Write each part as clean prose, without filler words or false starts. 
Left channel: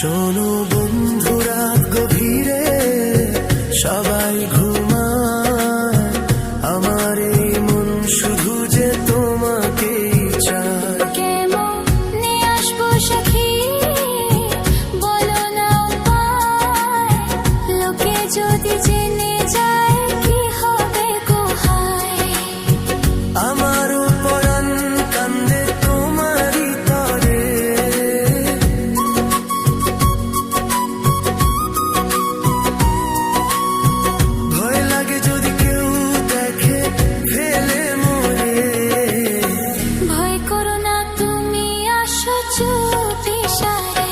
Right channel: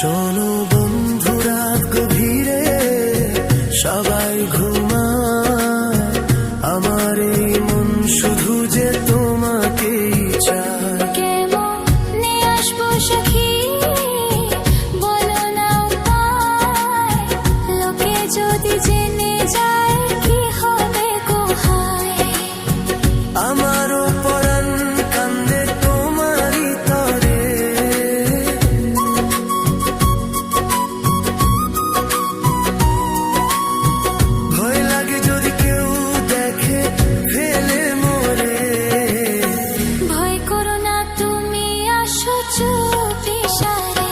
শোনো বন্ধু, রাত গভীরে সবাই ঘুমায়, আমার এই মন শুধু যে তোমাকেই চায়। কেমনে আসবো সখী, বলো না উপায়, লোকে যদি জেনে যায় কি হবে কোহায়। আমারও পরাণ কান্দে তোমারই তরে, ভয় লাগে যদি কেউ দেখে ফেলে মোরে। ভয় করো না, তুমি আসো চুপি সারে।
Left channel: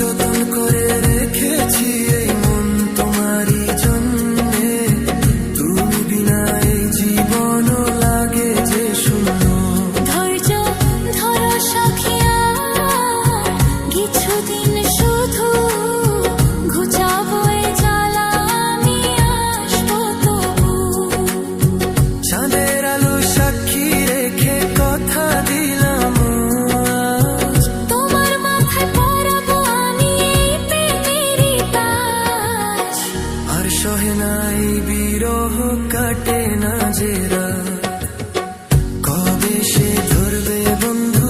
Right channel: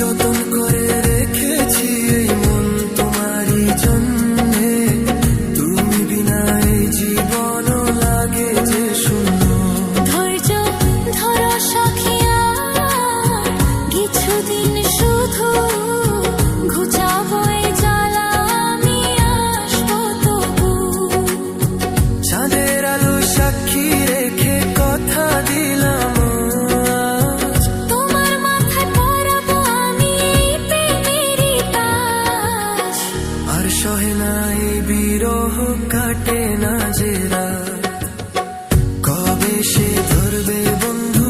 যতন করে রেখেছি এই মন তোমারই জন্যে, তুমি বিনা এই জীবনও লাগে যে শূন্য। ধৈর্য ধরো সখী, আর কিছুদিন শুধু ঘুচাবো এই জ্বালা, আমি আসবো তবু। চাঁদের আলো সাক্ষী রেখে কথা দিলাম, তোমার মাথায় পরাবো আমি এই প্রেমেরই তাজ। আর সহে না এই বিরহ, কাটে না যে রাত। কবে সে ধরবে বন্ধু